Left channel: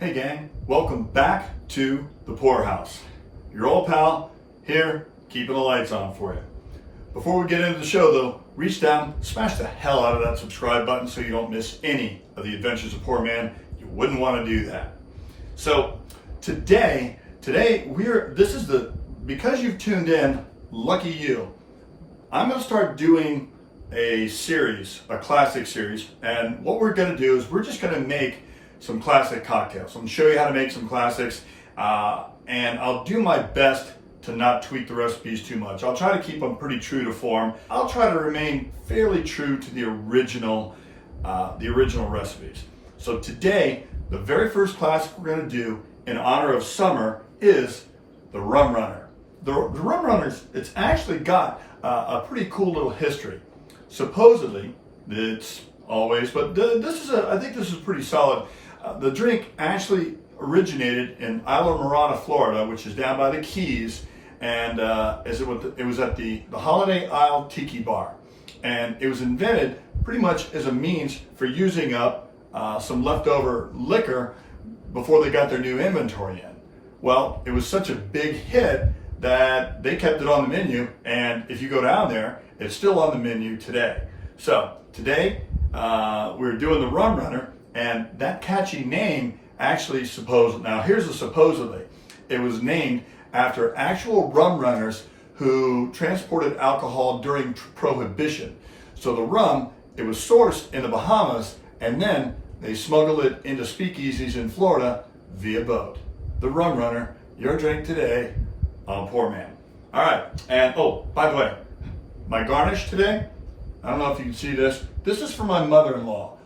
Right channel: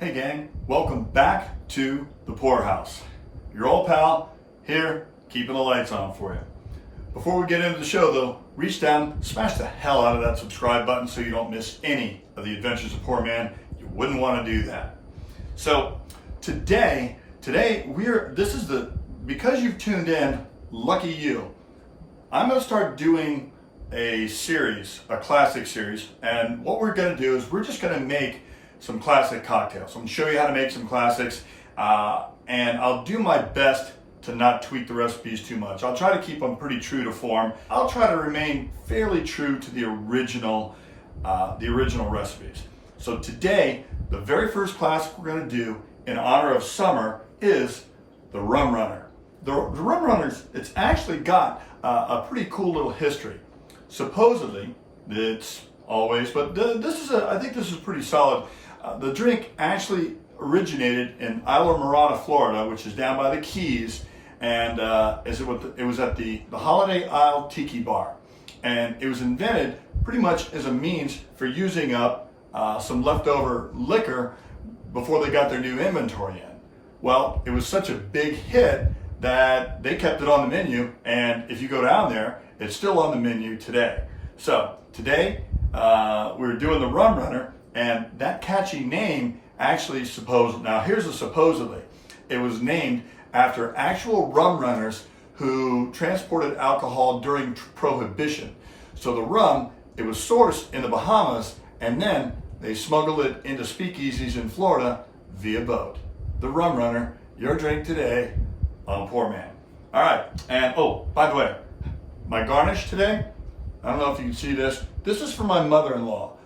Hey gang, welcome back to the Pour House. Your old pal here, keeping the lights on for you. Before we get into the show though, reach down, smash the hell out of that subscribe button so you don't miss any of the adventures of Poor Man. You wouldn't want to do that. So today because you've tuned in, lucky you. I'm going to start doing a series, a classic series, and what we're going to do is we're just going to make some classic cocktails. I'm going to show you how to make some classics, and I'll do my best to not tweak the recipes too much. I'll try to keep them pretty true to form. I'll try to remain fairly true to the original recipes. So today, the very first classic we're going to do in honor of summer is the Rum Runner. The Rum Runners, it's actually got a pretty cool little history. Supposedly, it's always, but I think this is pretty solid. The drink actually originated in ISLAMORADA, Florida, which is down by the Keys, and it was at the Holiday Isle Tiki Bar. And it was invented pretty much as a means for using up some leftover liquor before they got their new inventory in. Well, it was such a big hit that they kept it on the menu, and if you go down there, it's still on the menu today. So today, we're doing the Rum Runner, and that catchy name actually supposedly, it was named after actual rum runners who transported alcohol during Prohibition. So the rum, it was sourced in the Bahamas, and then they smuggled it into speakeasies in Florida via boat. The Rum Runner, your drink today on Poor Man. All right, and oh, by the way, my garnish today, I don't know if you can see this. This is for my mother-in-law.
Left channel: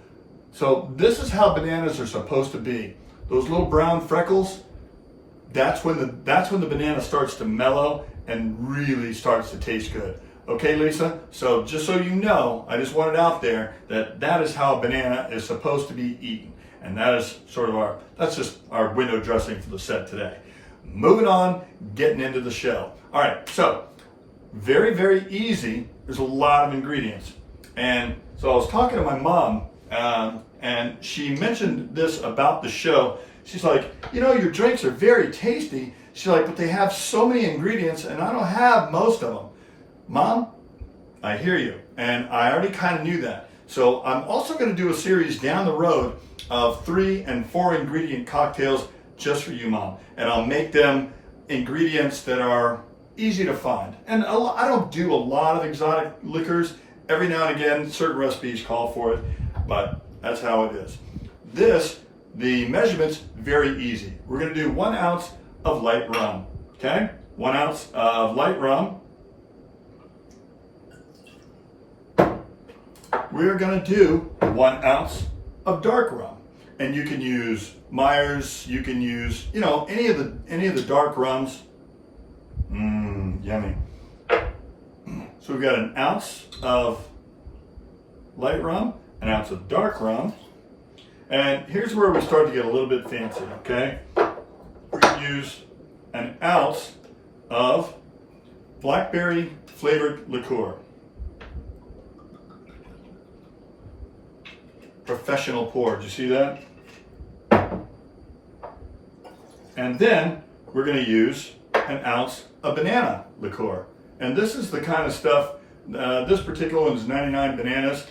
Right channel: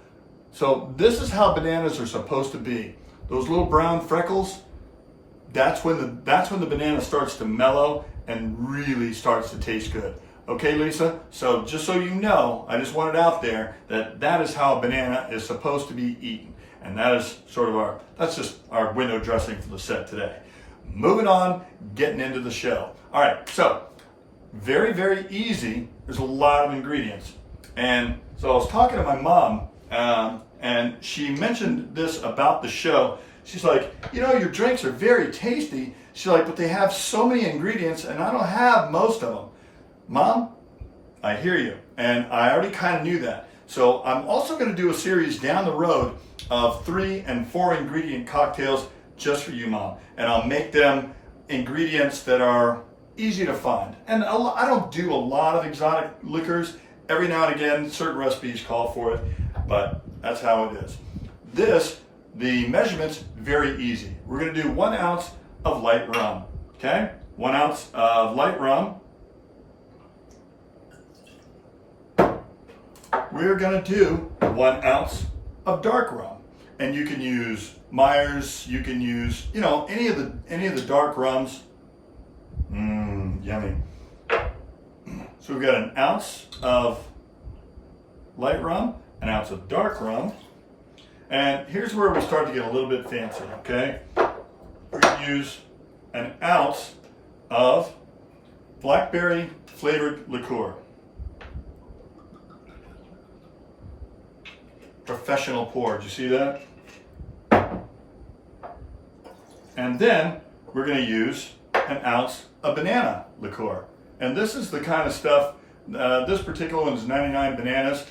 So this is how bananas are supposed to be. Those little brown freckles, that's when the banana starts to mellow and really starts to taste good. Okay, Lisa? So just so you know, I just want it out there that is how a banana is supposed to be eaten. And that is that's just our window dressing for the set today. Moving on, getting into the show. All right, so very, very easy. There's a lot of ingredients. And so I was talking to my mom, and she mentioned this about the show. She's like, your drinks are very tasty. She's like, but they have so many ingredients and I don't have most of them. Mom, I hear you. And I already kind of knew that. So I'm also going to do a series down the road of 3 and 4 ingredient cocktails just for you, Mom. And I'll make them ingredients that are easy to find. And I don't do a lot of exotic liquors. Every now and again, certain recipes call for it, but that's how it is. The measurement's very easy. We're gonna do 1 ounce of light rum, okay? 1 ounce of light rum. We're gonna do 1 ounce of dark rum. And you can use Myers, you can use, any of the dark rums. Yummy. So we've got 1 ounce of light rum, 1 ounce of dark rum, and here's where we start to get a little bit fancy, okay? We're gonna use 1 ounce of Blackberry flavored liqueur. Professional pour, did you see that? And then we're gonna use 1 ounce of banana liqueur. And this is the kind of stuff, this particular one is 99 bananas,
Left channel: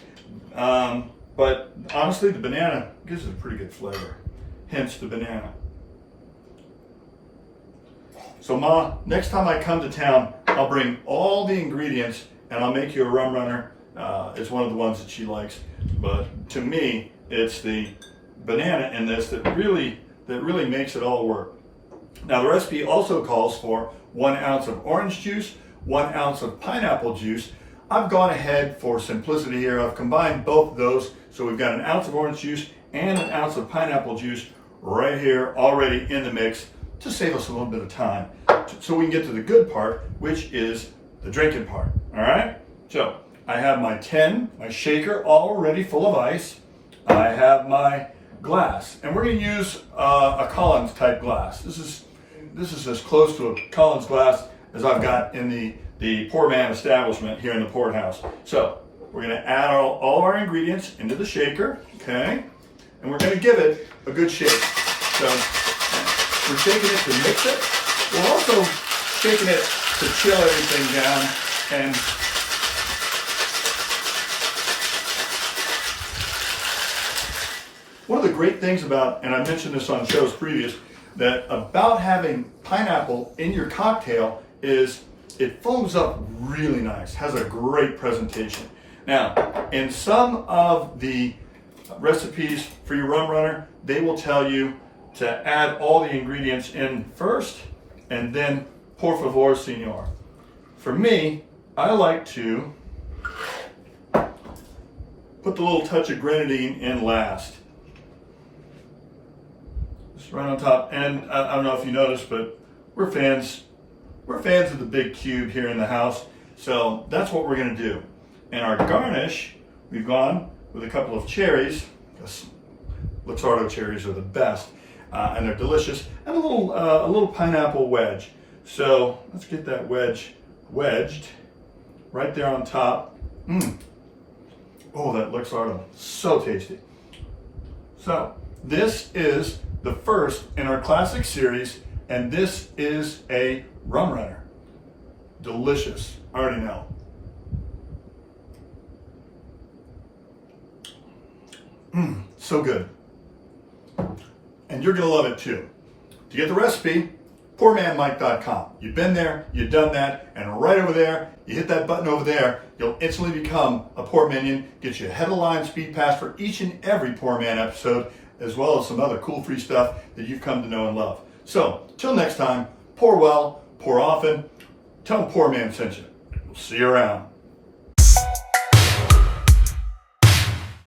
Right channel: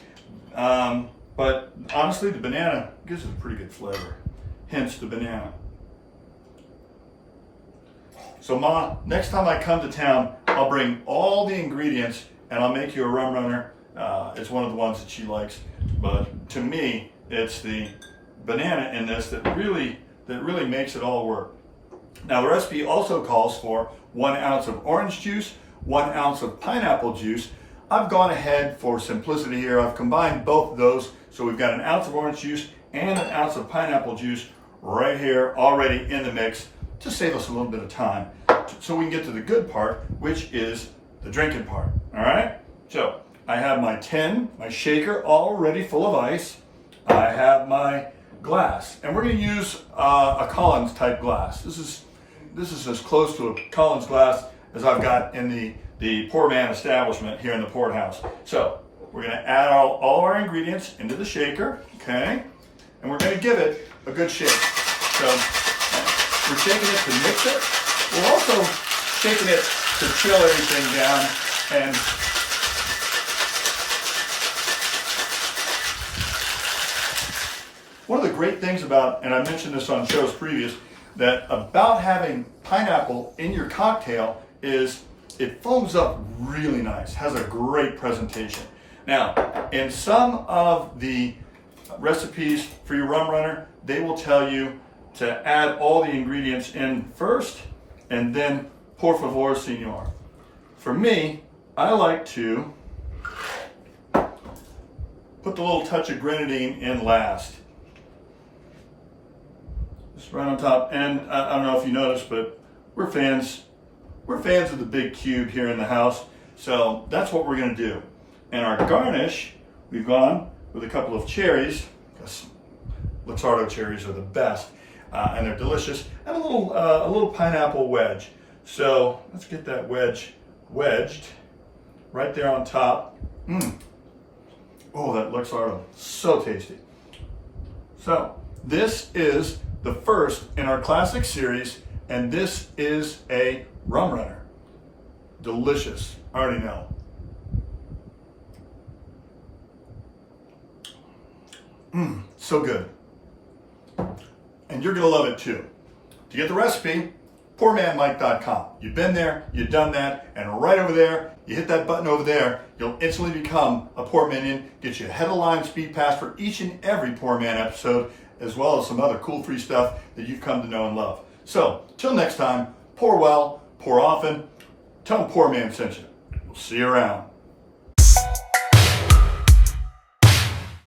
but honestly the banana gives it a pretty good flavor, hence the banana. So Ma, next time I come to town, I'll bring all the ingredients and I'll make you a Rum Runner. It's one of the ones that she likes, but to me, it's the banana in this that really makes it all work. Now the recipe also calls for 1 ounce of orange juice, 1 ounce of pineapple juice. I've gone ahead for simplicity here. I've combined both of those. So we've got 1 ounce of orange juice and 1 ounce of pineapple juice right here already in the mix to save us a little bit of time so we can get to the good part, which is the drinking part. All right? So I have my shaker already full of ice. I have my glass, and we're going to use a Collins type glass. This is as close to a Collins glass as I've got in the Poor Man establishment here in the Port House. So we're going to add all of our ingredients into the shaker, okay? And we're going to give it a good shake. So we're shaking it to mix it. We're also shaking it to chill everything down. And one of the great things about, and I mentioned this on shows previous, that about having pineapple in your cocktail is it foams up really nice, has a great presentation. Now, in some of the recipes for your rum runner, they will tell you to add all the ingredients in first and then por favor, senor. For me, I like to put the little touch of grenadine in last. Just right on top. And I don't know if you noticed, but we're fans of the big cube here in the house. So that's what we're gonna do. And our garnish, we've gone with a couple of cherries. Liqueur cherries are the best, and they're delicious. And a little pineapple wedge. So let's get that wedge wedged right there on top. Oh, that Liqueur, so tasty. So this is the first in our classic series, and this is a rum runner. Delicious, I already know. So good. And you're gonna love it too. To get the recipe, PourManMike.com. You've been there, you've done that, and right over there, you hit that button over there, you'll instantly become a Pour Minion, get you a head of line speed pass for each and every Pour Man episode, as well as some other cool free stuff that you've come to know and love. So, till next time, pour well, pour often, tell them Pour Man sent you. We'll see you around.